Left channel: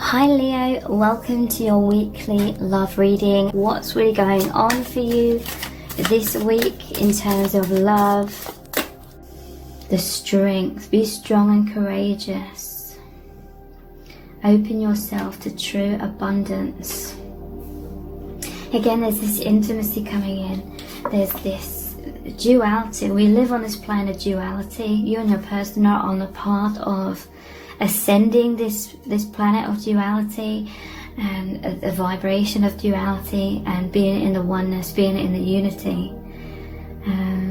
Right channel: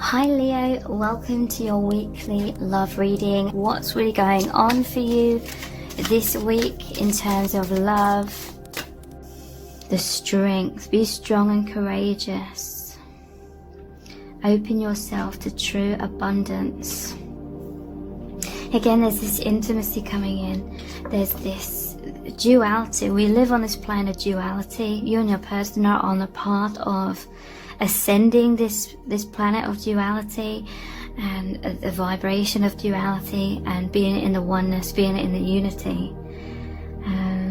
Hi Leo, welcome to your weekly love reading. What's really going on for you this week in terms of love? The strength. Be strong and courageous. Open yourself to true abundance. Again, there's this intimacy coming in. There's this duality. We live on this plane of duality. You and your person are on a path of ascending this planet of duality and a vibration of duality, and being in the oneness, being in the unity.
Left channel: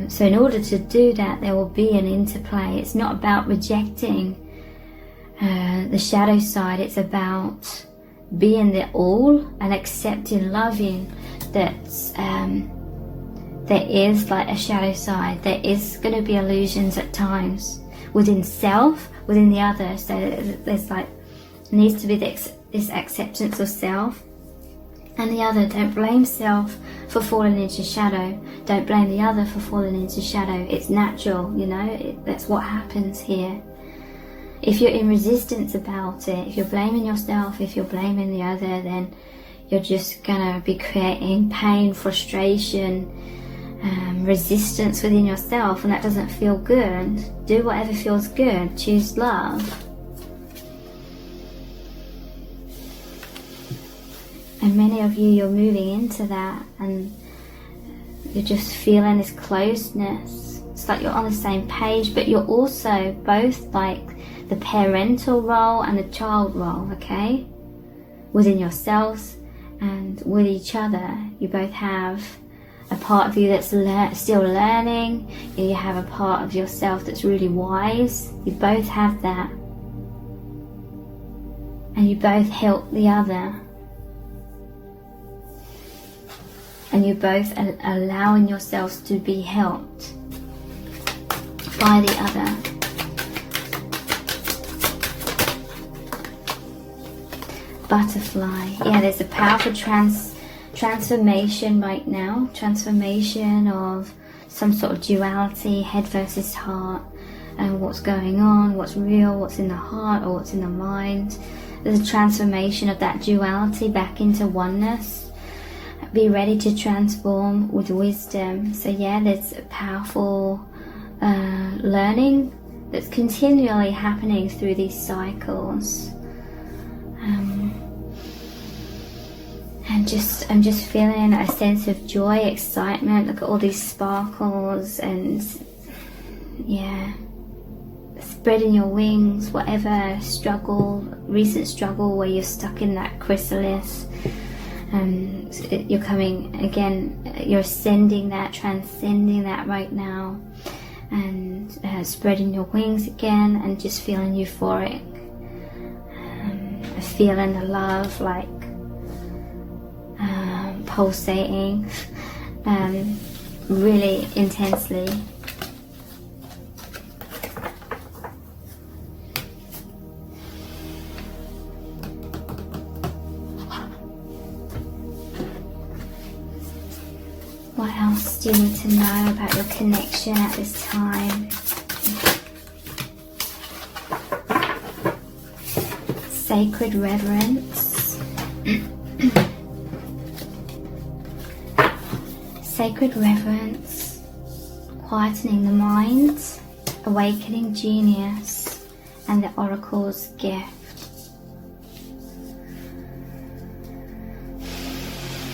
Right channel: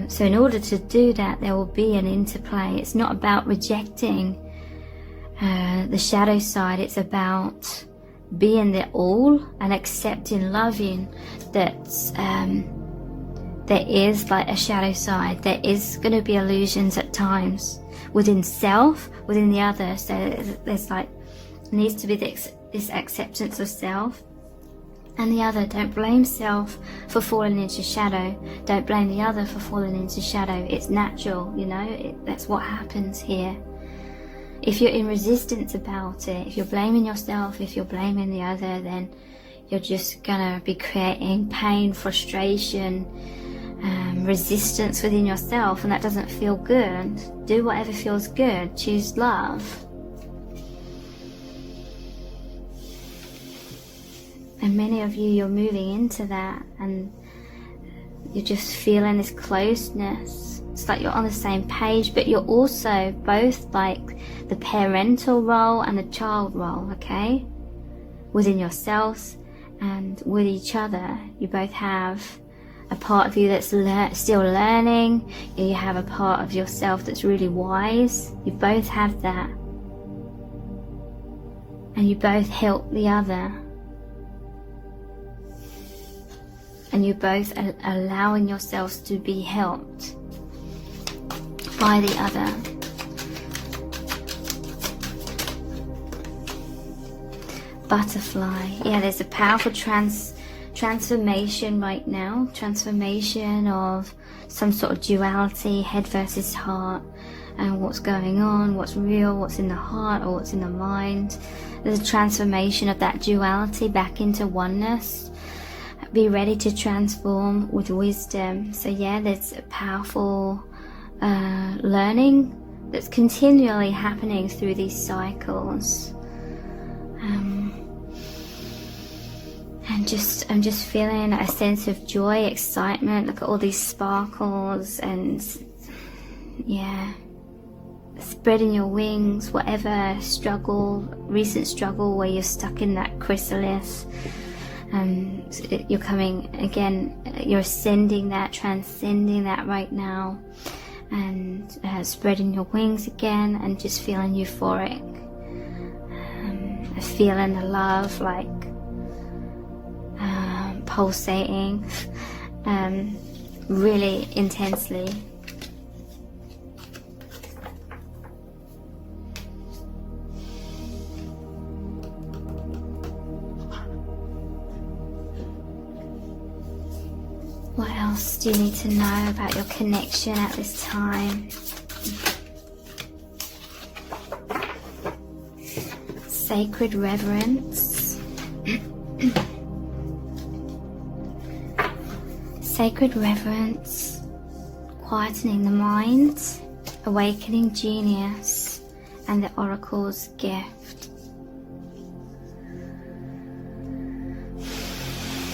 So in order to do that, there will be an interplay. It's not about rejecting the shadow side. It's about being the all and accepting, loving that there is like a shadow side. There is going to be illusions at times within self, within the other. So there's like needs to be this acceptance of self and the other. Don't blame self for falling into shadow. Don't blame the other for falling into shadow. It's natural, you know. That's what happens here. If you're in resistance about it, if you're blaming yourself, if you're blaming the other, then you're just gonna be creating pain, frustration, resistance within yourself, and that doesn't feel good. Do whatever feels good. Choose love. And many of you, you're moving into that, and you're just feeling this closeness. It's like you're on the same page, but you're also both like the parental role and the child role, okay? Within yourselves and with each other. You both have a part of you that's still learning. You have a part of yourself that's really wise. You both have that. And you both help the other. And you're both allowing yourselves to be helped by the other. Butterfly. Yeah, there's a powerful transformation right now. Transformation of some sort of duality, head versus heart, and what's going on, what's real, what's in the heart or what's in the mind. There's a transformation of that duality back into oneness. Be ready to transform with wisdom. So yeah, there's a powerful learning that's continually happening through these cycles. And I'm just feeling a sense of joy, excitement. Look at all these sparkles, and yeah, spreading your wings. Whatever recent struggle where you're stuck in that chrysalis, you're coming again. You're ascending that, transcending that right now, and spreading your wings again, and just feeling euphoric, feeling the love like pulsating really intensely. What else do you need to know about your connection at this time? Sacred reverence. Sacred reverence, quietening the mind, awakening genius, and the oracle's gift.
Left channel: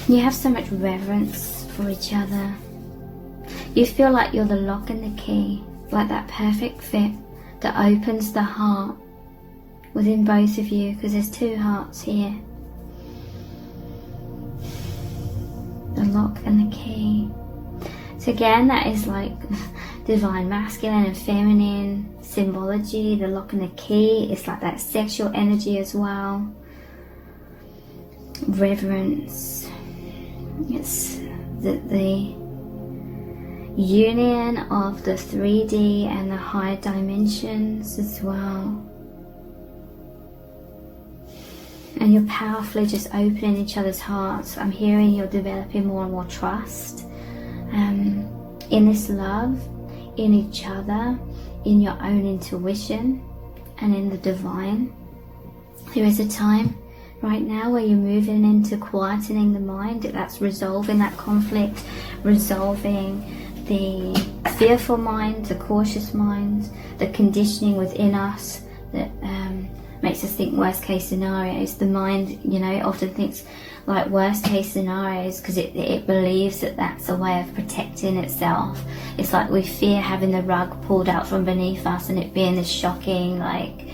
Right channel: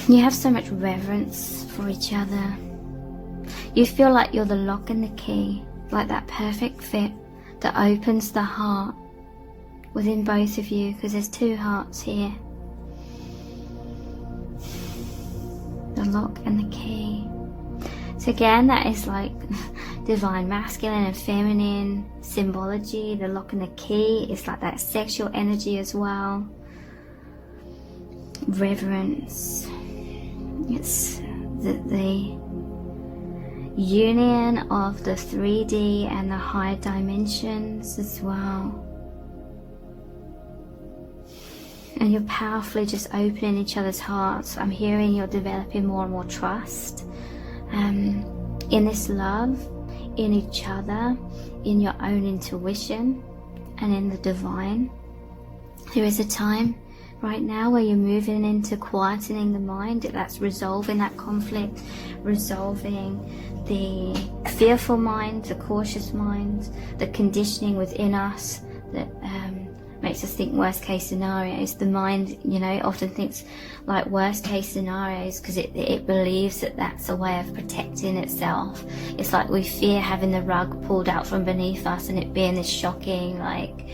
You have so much reverence for each other. You feel like you're the lock and the key, like that perfect fit that opens the heart within both of you, because there's two hearts here. The lock and the key. So again, that is like divine masculine and feminine symbology. The lock and the key is like that sexual energy as well. Reverence. It's the union of the 3D and the higher dimensions as well. And you're powerfully just opening each other's hearts. I'm hearing you're developing more and more trust in this love, in each other, in your own intuition, and in the divine. There is a time right now, where you're moving into quietening the mind. That's resolving that conflict, resolving the fearful mind, the cautious mind, the conditioning within us that makes us think worst case scenarios. The mind, you know, it often thinks like worst case scenarios because it believes that that's a way of protecting itself. It's like we fear having the rug pulled out from beneath us and it being this shocking like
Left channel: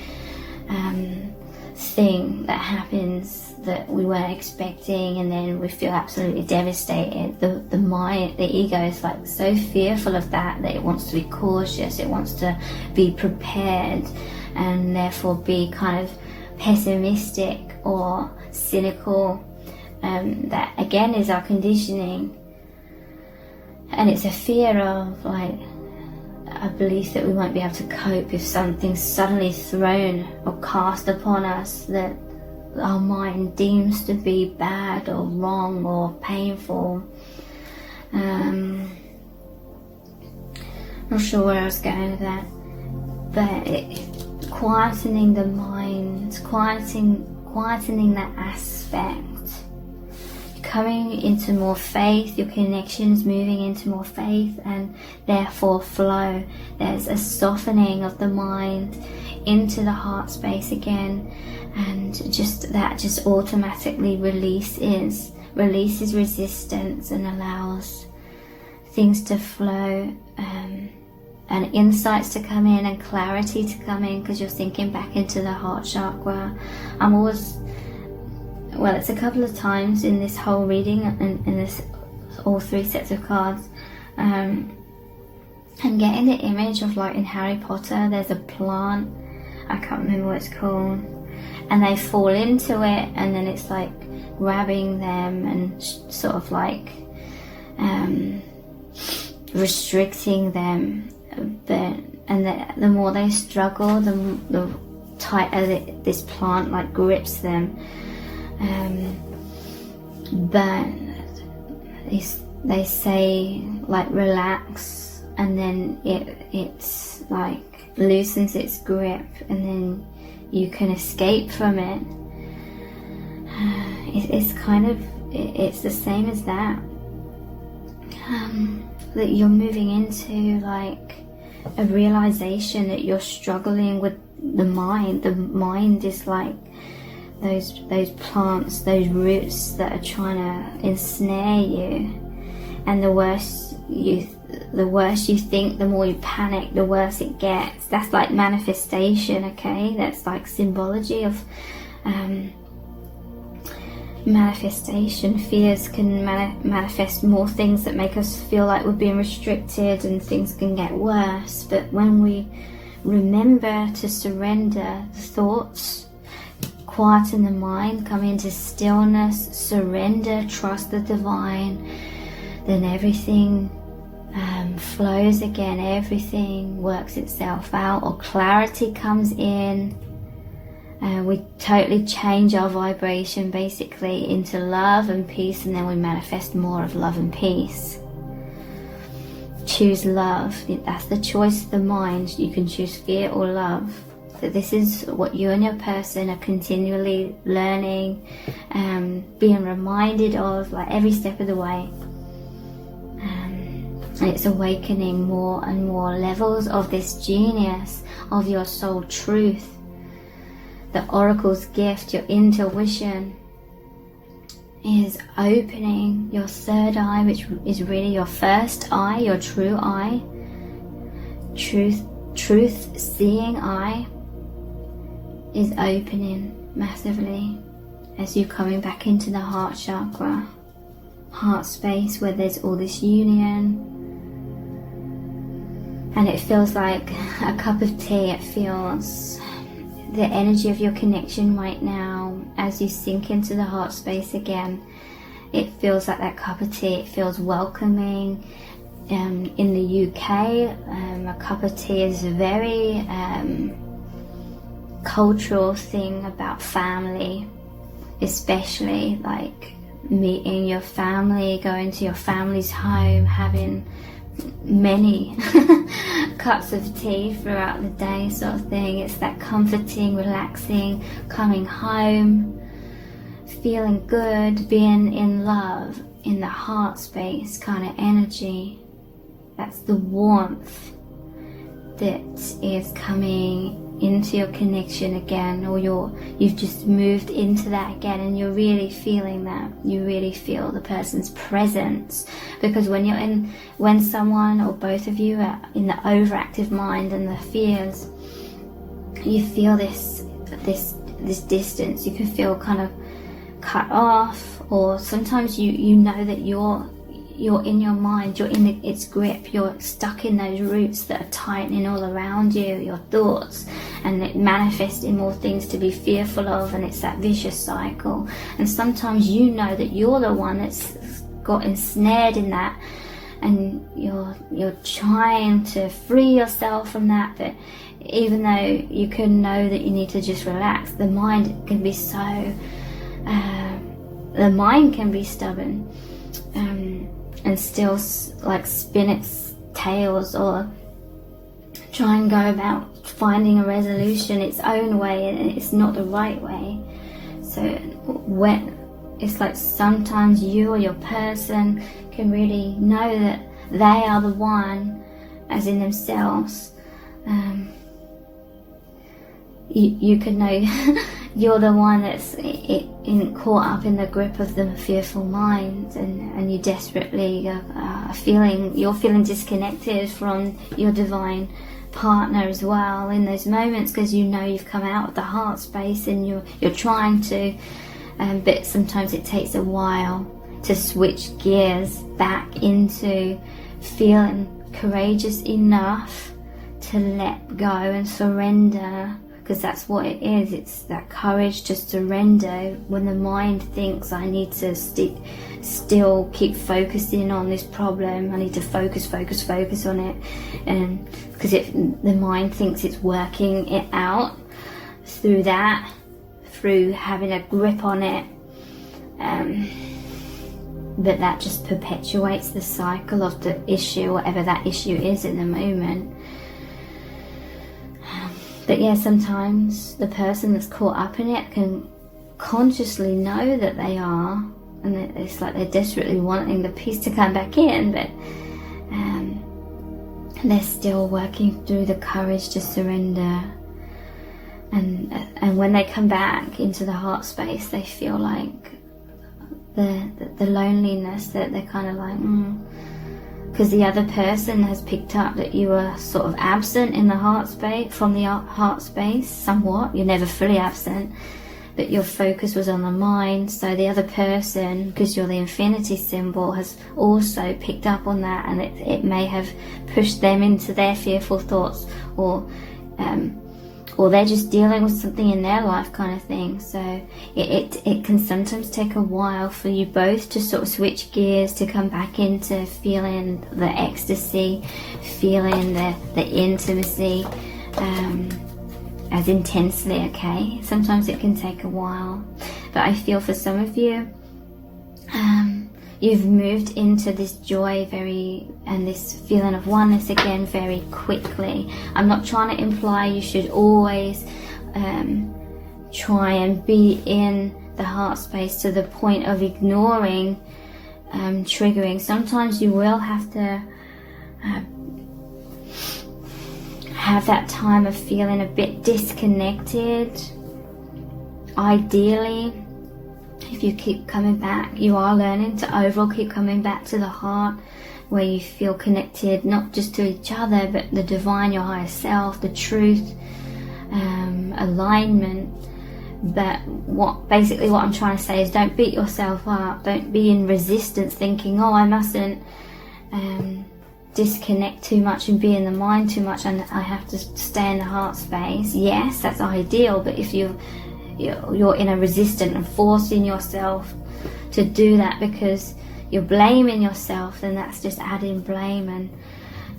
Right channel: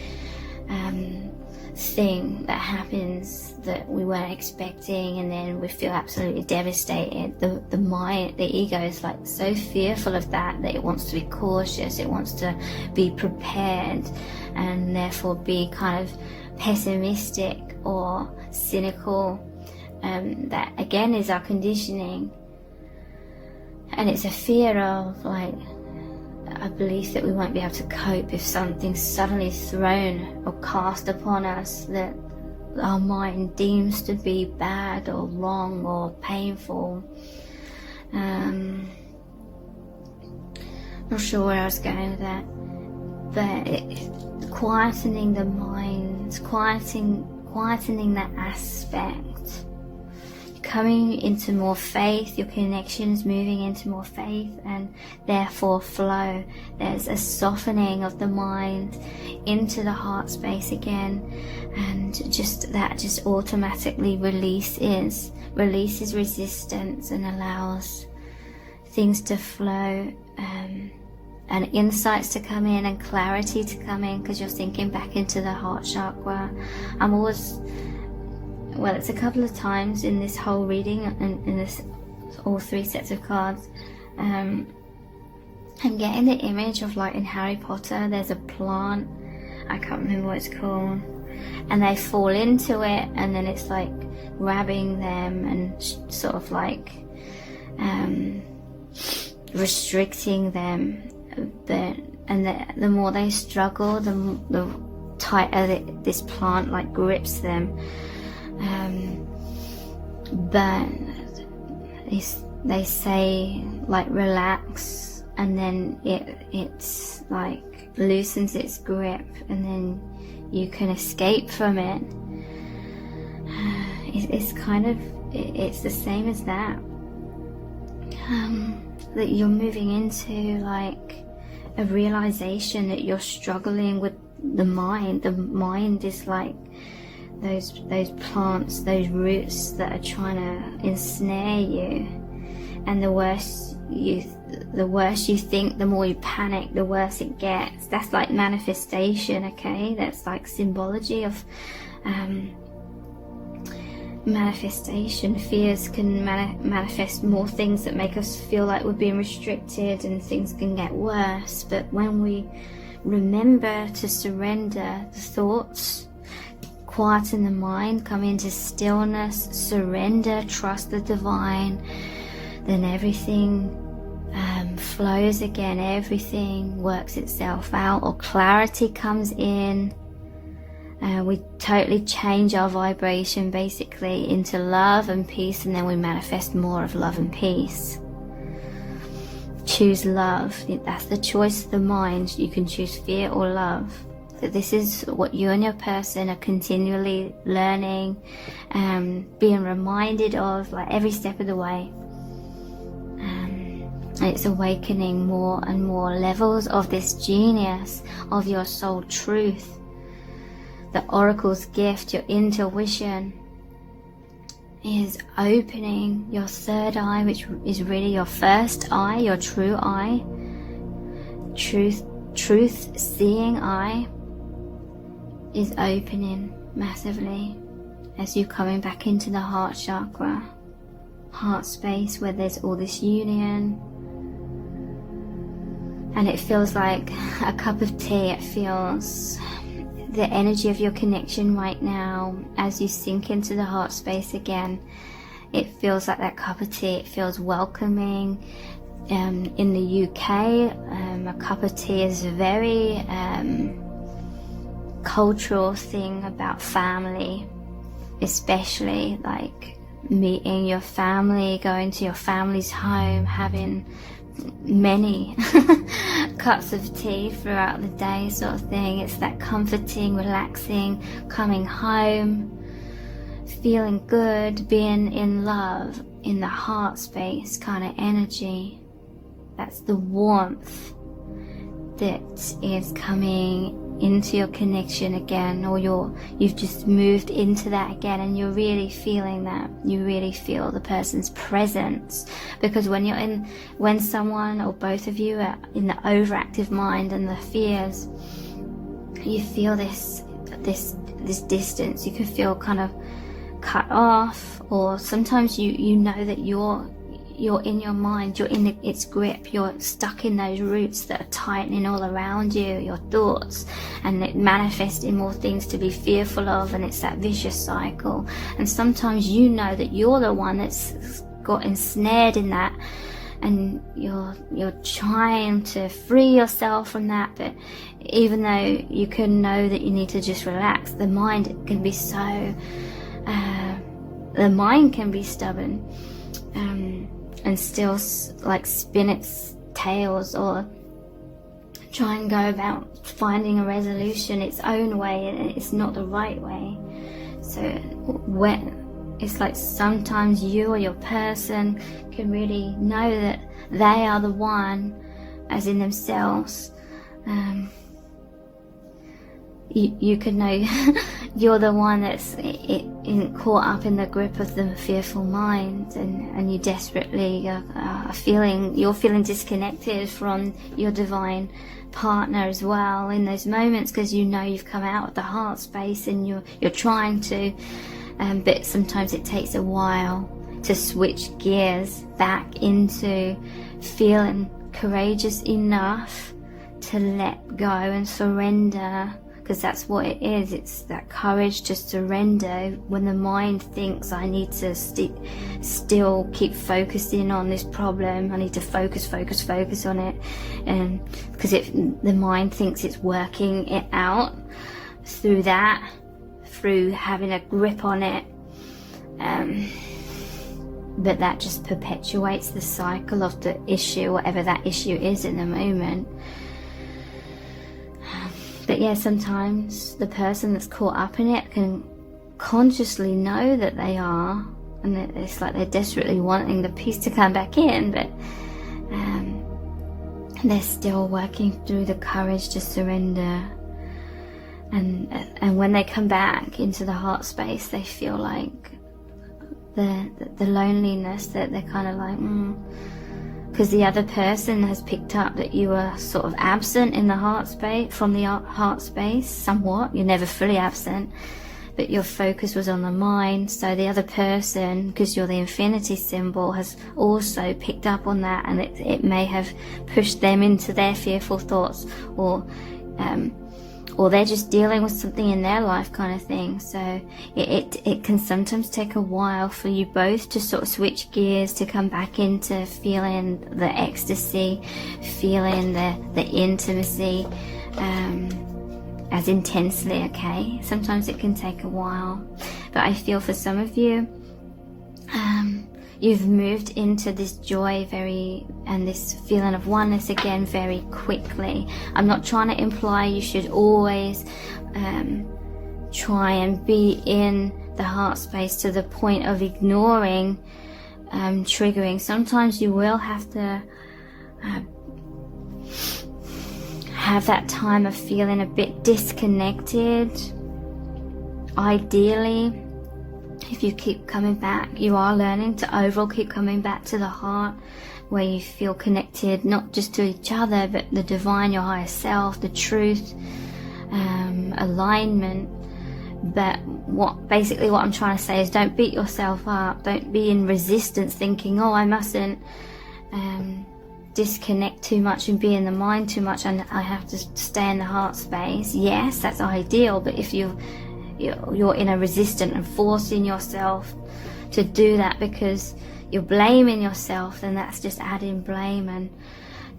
thing that happens that we weren't expecting, and then we feel absolutely devastated. The mind, the ego is like so fearful of that it wants to be cautious, it wants to be prepared, and therefore be kind of pessimistic or cynical. That again is our conditioning, and it's a fear of like a belief that we won't be able to cope if something's suddenly thrown or cast upon us that our mind deems to be bad or wrong or painful. I'm not sure where I was going with that, but quietening the mind, quietening that aspect, coming into more faith, your connections moving into more faith and therefore flow. There's a softening of the mind into the heart space again, and that just automatically releases resistance and allows things to flow, and insights to come in and clarity to come in, because you're sinking back into the heart chakra. It's a couple of times in this whole reading and in this all three sets of cards, and getting the image of like in Harry Potter, there's a plant, I can't remember what it's called, and they fall into it and then it's like grabbing them and sort of like restricting them, the more they struggle, the tighter this plant like grips them. But they say like relax, and then it's like loosens its grip, and then you can escape from it. It's the same as that. That you're moving into like a realization that you're struggling with the mind. The mind is like those plants, those roots that are trying to ensnare you, and the worse you think, the more you panic, the worse it gets. That's like manifestation, okay? That's like symbology of manifestation. Fears can manifest more things that make us feel like we're being restricted, and things can get worse. But when we remember to surrender the thoughts, quieten the mind, come into stillness, surrender, trust the divine, then everything flows again, everything works itself out, or clarity comes in. We totally change our vibration basically into love and peace, and then we manifest more of love and peace. Choose love. That's the choice of the mind. You can choose fear or love. So this is what you and your person are continually learning, being reminded of like every step of the way. And it's awakening more and more levels of this genius, of your soul truth. The oracle's gift, your intuition, is opening your third eye, which is really your first eye, your true eye, truth seeing eye is opening massively as you're coming back into the heart chakra, heart space, where there's all this union. And it feels like a cup of tea. It feels the energy of your connection right now as you sink into the heart space again. It feels like that cup of tea. It feels welcoming. In the UK, a cup of tea is a very cultural thing about family, especially like meeting your family, going to your family's home, having many cups of tea throughout the day sort of thing. It's that comforting, relaxing, coming home, feeling good, being in love, in the heart space kind of energy. That's the warmth that is coming into your connection again, or you've just moved into that again, and you're really feeling that. You really feel the person's presence, because when someone or both of you are in the overactive mind and the fears, you feel this distance. You can feel kind of cut off, or sometimes you know that you're in your mind, you're in its grip, you're stuck in those roots that are tightening all around you, your thoughts, and it manifests in more things to be fearful of, and it's that vicious cycle. And sometimes you know that you're the one that's got ensnared in that, and you're trying to free yourself from that, but even though you can know that you need to just relax, the mind can be so stubborn, and still like spin its tails, or try and go about finding a resolution its own way, and it's not the right way. So when it's like sometimes you or your person can really know that they are the one, as in themselves. You can know you're the one that's caught up in the grip of the fearful mind, and you desperately are feeling disconnected from your divine partner as well in those moments, because you know you've come out of the heart space and you're trying to, but sometimes it takes a while to switch gears back into feeling courageous enough to let go and surrender. Because that's what it is. It's that courage to surrender when the mind thinks I need to still keep focusing on this problem. I need to focus on it, and because the mind thinks it's working it out through having a grip on it, but that just perpetuates the cycle of the issue, whatever that issue is in the moment. But yeah, sometimes the person that's caught up in it can consciously know that they are, and it's like they're desperately wanting the peace to come back in, but they're still working through the courage to surrender. And when they come back into the heart space, they feel like the loneliness, that they're kind of like, because the other person has picked up that you were sort of absent in the heart space, from the heart space somewhat. You're never fully absent, but your focus was on the mind. So the other person, because you're the infinity symbol, has also picked up on that, and it may have pushed them into their fearful thoughts, or they're just dealing with something in their life kind of thing. So it can sometimes take a while for you both to sort of switch gears, to come back into feeling the ecstasy, feeling the intimacy as intensely, okay? Sometimes it can take a while, but I feel for some of you, you've moved into this joy and this feeling of oneness again very quickly. I'm not trying to imply you should always try and be in the heart space to the point of ignoring triggering. Sometimes you will have to have that time of feeling a bit disconnected. Ideally, if you keep coming back, you are learning to overall keep coming back to the heart, where you feel connected not just to each other, but the divine, your higher self, the truth, alignment. But what I'm trying to say is, don't beat yourself up. Don't be in resistance thinking, oh, I mustn't disconnect too much and be in the mind too much, and I have to stay in the heart space. Yes, that's ideal, but if you're in a resistance and forcing yourself to do that because you're blaming yourself, then that's just adding blame and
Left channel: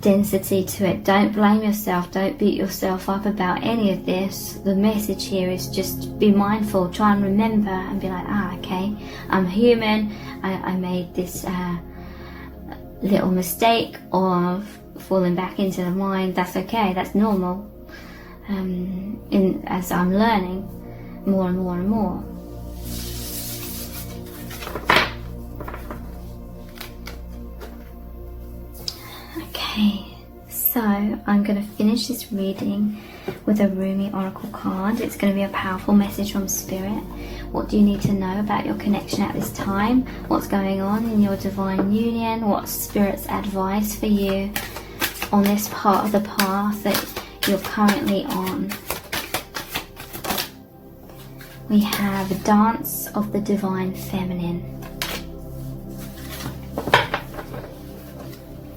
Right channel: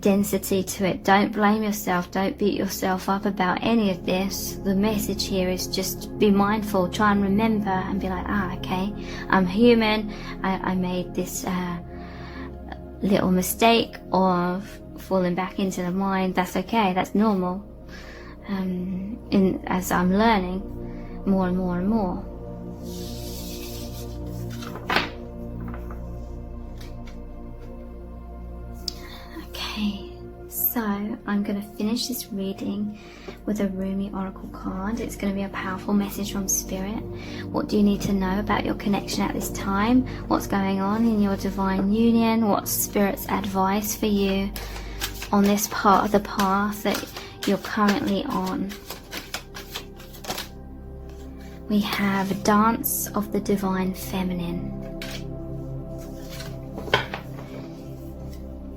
density to it. Don't blame yourself. Don't beat yourself up about any of this. The message here is just be mindful. Try and remember and be like, okay, I'm human. I made this little mistake of falling back into the mind. That's okay. That's normal. As I'm learning more and more and more. So I'm going to finish this reading with a Rumi Oracle card. It's going to be a powerful message from Spirit. What do you need to know about your connection at this time? What's going on in your divine union? What's Spirit's advice for you on this part of the path that you're currently on? We have a Dance of the Divine Feminine.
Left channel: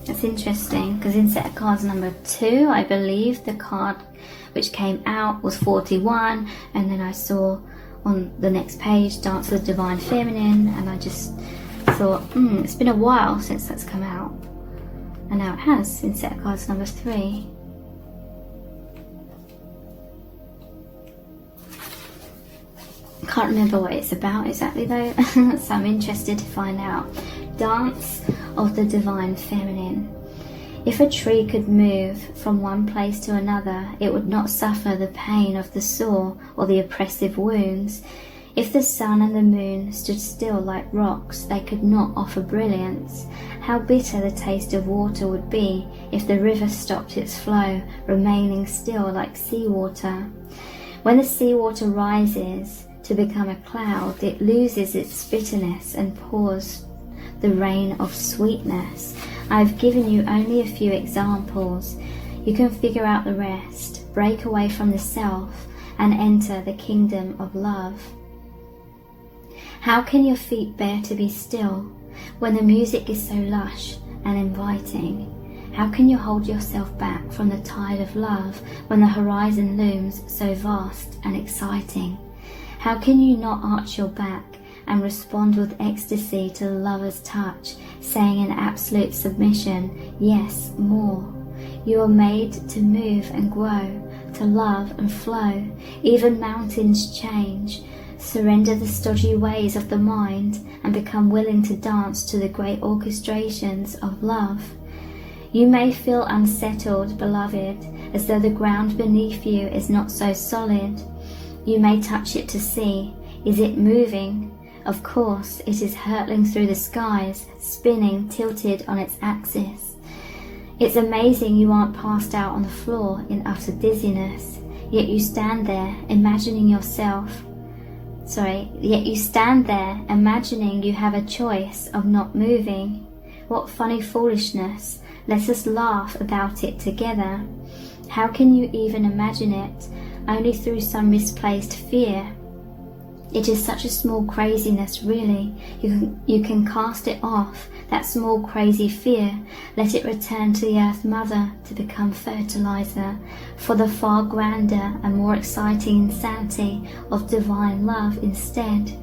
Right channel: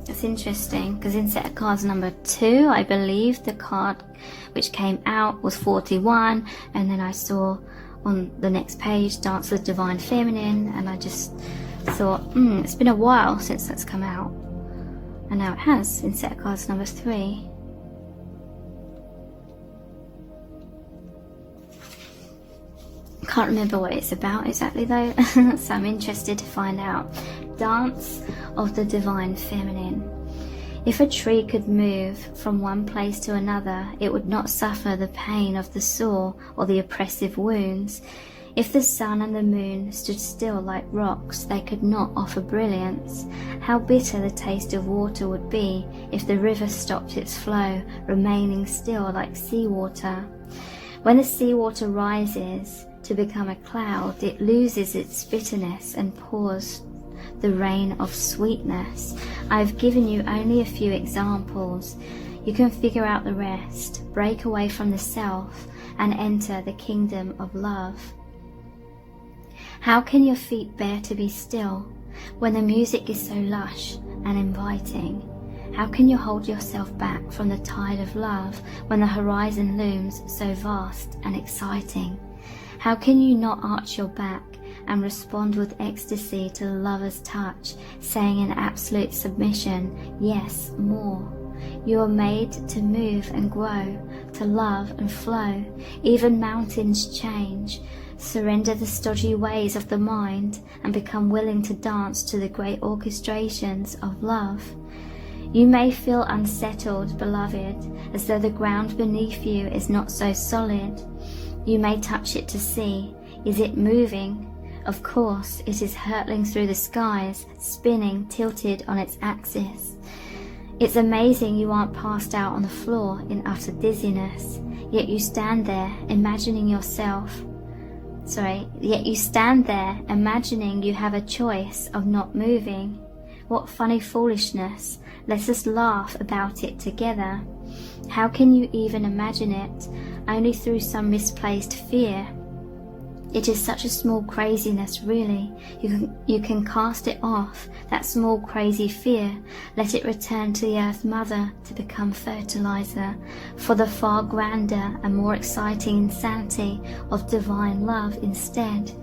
That's interesting, because in set of cards number 2, I believe the card which came out was 41, and then I saw on the next page Dance of the Divine Feminine, and I just thought, it's been a while since that's come out, and now it has in set of cards number 3. Can't remember what it's about exactly though, so I'm interested to find out. Dance of the Divine Feminine. If a tree could move from one place to another, it would not suffer the pain of the sore or the oppressive wounds. If the sun and the moon stood still like rocks, they could not offer brilliance. How bitter the taste of water would be if the river stopped its flow, remaining still like seawater. When the seawater rises to become a cloud, it loses its bitterness and pours the rain of sweetness. I've given you only a few examples. You can figure out the rest. Break away from the self and enter the kingdom of love. How can your feet bear to be still when the music is so lush and inviting? How can you hold yourself back from the tide of love when the horizon looms so vast and exciting? How can you not arch your back and respond with ecstasy to the lover's touch, saying in absolute submission, yes, more. You are made to move and grow, to love and flow. Even mountains change. Surrender the stodgy ways of the mind and become willing to dance to the great orchestrations of love. You may feel unsettled, beloved, as though the ground beneath you is not so solid. You may touch it to see, is it moving? Of course, it is hurtling through the skies, spinning, tilted on its axis. It's amazing you aren't passed out on the floor in utter dizziness, yet you stand there imagining you have a choice of not moving. What funny foolishness. Let us laugh about it together. How can you even imagine it? Only through some misplaced fear. It is such a small craziness, really. You can cast it off, that small crazy fear. Let it return to the Earth Mother to become fertilizer for the far grander and more exciting insanity of divine love instead.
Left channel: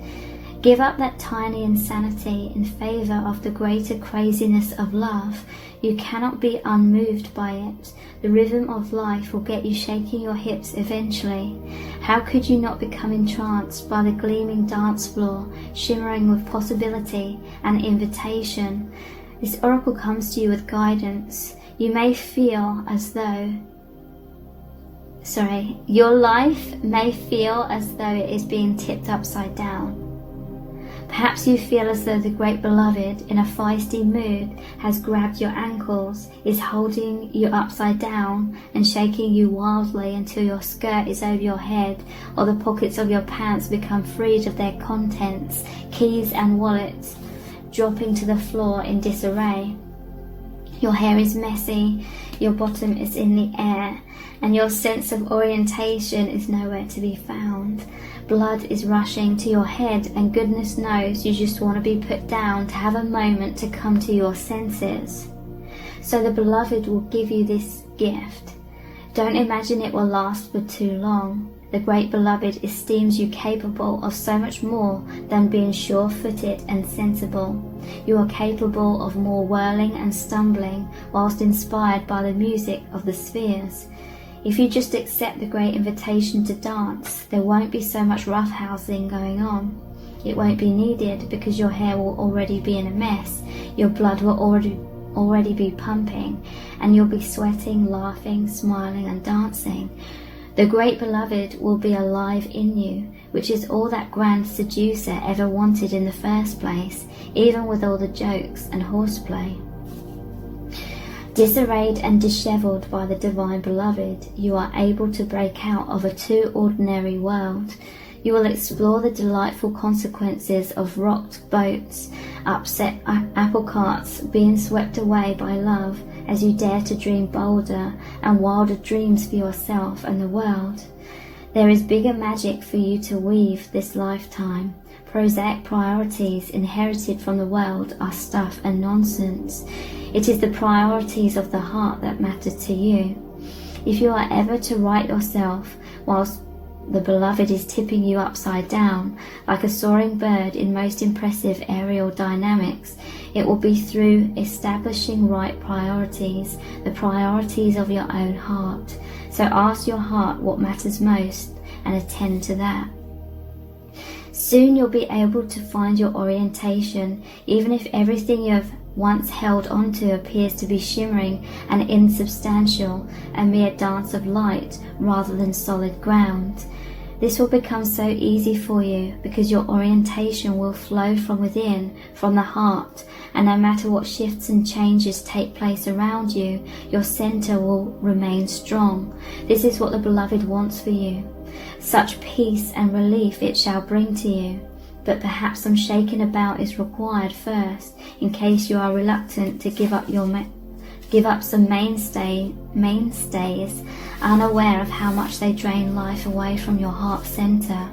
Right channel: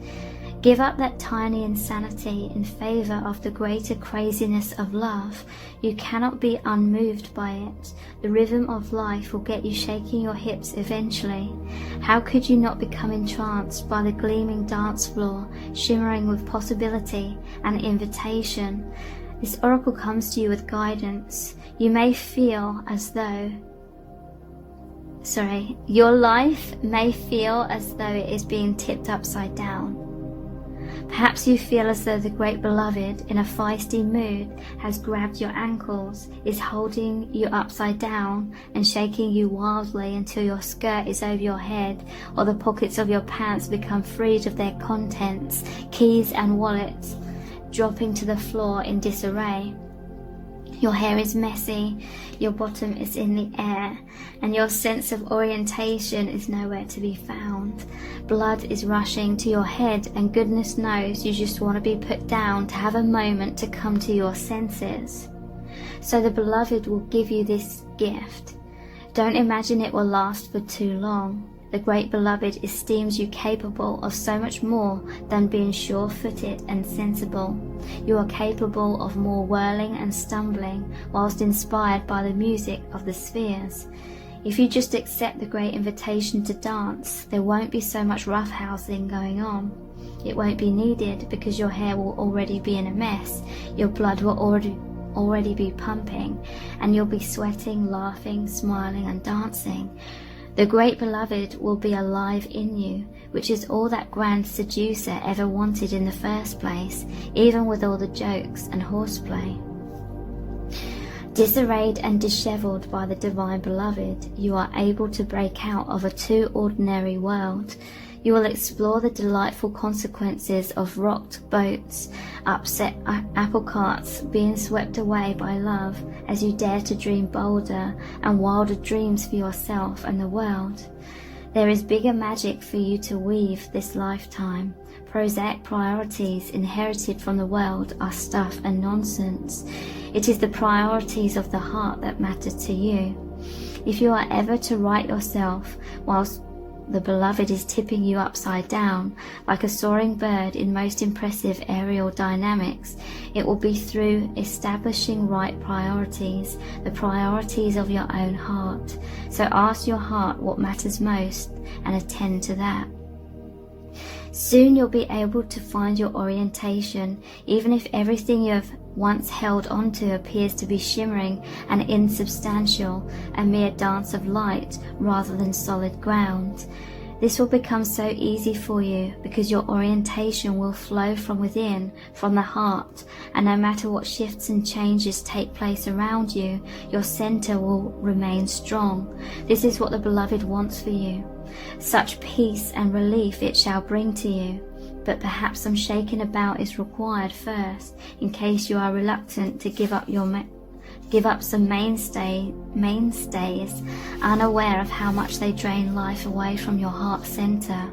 Give up that tiny insanity in favour of the greater craziness of love. You cannot be unmoved by it. The rhythm of life will get you shaking your hips eventually. How could you not become entranced by the gleaming dance floor, shimmering with possibility and invitation? This oracle comes to you with guidance. You may feel as though your life may feel as though it is being tipped upside down. Perhaps you feel as though the great beloved, in a feisty mood, has grabbed your ankles, is holding you upside down and shaking you wildly until your skirt is over your head, or the pockets of your pants become freed of their contents, keys and wallets dropping to the floor in disarray. Your hair is messy, your bottom is in the air, and your sense of orientation is nowhere to be found. Blood is rushing to your head, and goodness knows you just want to be put down to have a moment to come to your senses. So the beloved will give you this gift. Don't imagine it will last for too long. The great beloved esteems you capable of so much more than being sure-footed and sensible. You are capable of more whirling and stumbling whilst inspired by the music of the spheres. If you just accept the great invitation to dance, there won't be so much roughhousing going on. It won't be needed because your hair will already be in a mess, your blood will already be pumping, and you'll be sweating, laughing, smiling and dancing. The great beloved will be alive in you, which is all that grand seducer ever wanted in the first place, even with all the jokes and horseplay. Disarrayed and dishevelled by the Divine Beloved, you are able to break out of a too ordinary world. You will explore the delightful consequences of rocked boats, upset apple carts, being swept away by love as you dare to dream bolder and wilder dreams for yourself and the world. There is bigger magic for you to weave this lifetime. Prosaic priorities inherited from the world are stuff and nonsense. It is the priorities of the heart that matter to you. If you are ever to right yourself whilst the Beloved is tipping you upside down like a soaring bird in most impressive aerial dynamics, it will be through establishing right priorities, the priorities of your own heart. So ask your heart what matters most and attend to that. Soon you'll be able to find your orientation, even if everything you have once held onto appears to be shimmering and insubstantial, a mere dance of light rather than solid ground. This will become so easy for you because your orientation will flow from within, from the heart, and no matter what shifts and changes take place around you, your center will remain strong. This is what the Beloved wants for you. Such peace and relief it shall bring to you. But perhaps some shaking about is required first, in case you are reluctant to give up some mainstays, unaware of how much they drain life away from your heart center.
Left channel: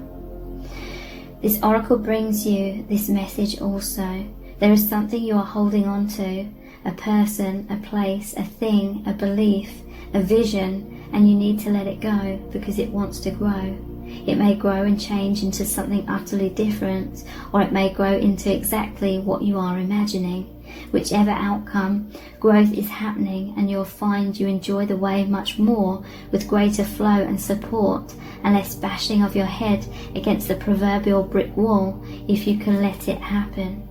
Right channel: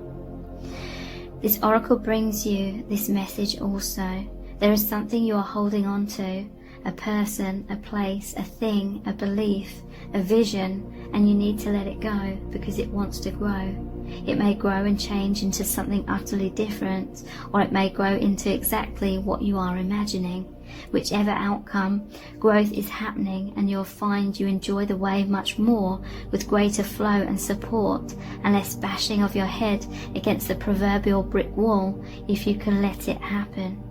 This oracle brings you this message also. There is something you are holding on to, a person, a place, a thing, a belief, a vision, and you need to let it go because it wants to grow. It may grow and change into something utterly different, or it may grow into exactly what you are imagining. Whichever outcome, growth is happening, and you'll find you enjoy the way much more with greater flow and support and less bashing of your head against the proverbial brick wall if you can let it happen.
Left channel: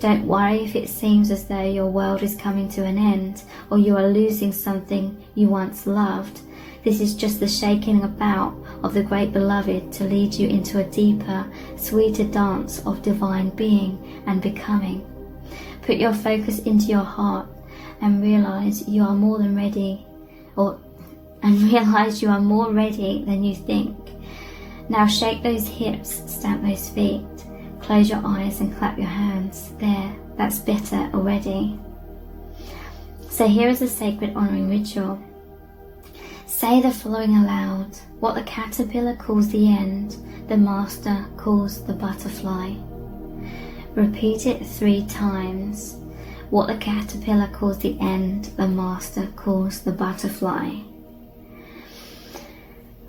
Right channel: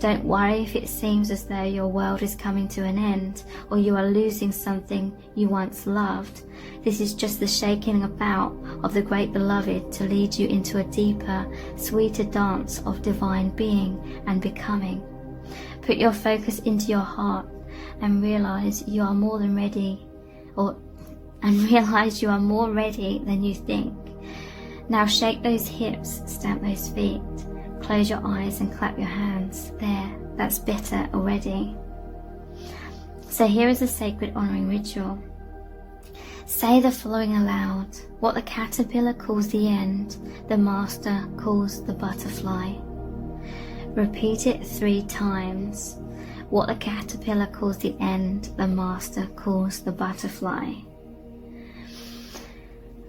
Don't worry if it seems as though your world is coming to an end or you are losing something you once loved. This is just the shaking about of the Great Beloved to lead you into a deeper, sweeter dance of divine being and becoming. Put your focus into your heart and realize you are more than ready, realize you are more ready than you think. Now shake those hips, stamp those feet, close your eyes and clap your hands. There, that's better already. So here is a sacred honoring ritual. Say the following aloud. What the caterpillar calls the end, the master calls the butterfly. Repeat it 3 times. What the caterpillar calls the end, the master calls the butterfly.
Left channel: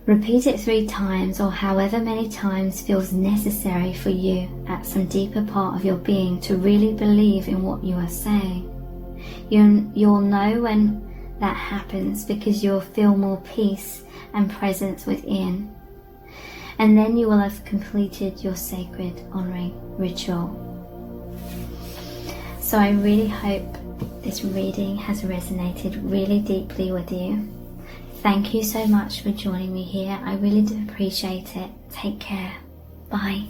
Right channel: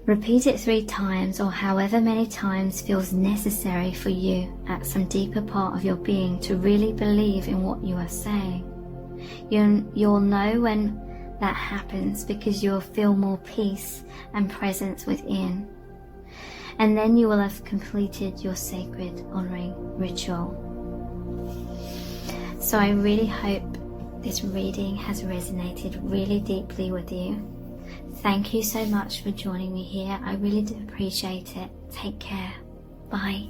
Repeat it 3 times, or however many times feels necessary for you at some deeper part of your being to really believe in what you are saying. You'll know when that happens because you'll feel more peace and presence within. And then you will have completed your sacred honoring ritual. So I really hope this reading has resonated really deeply with you. Thank you so much for joining me here. I really do appreciate it. Take care. Bye.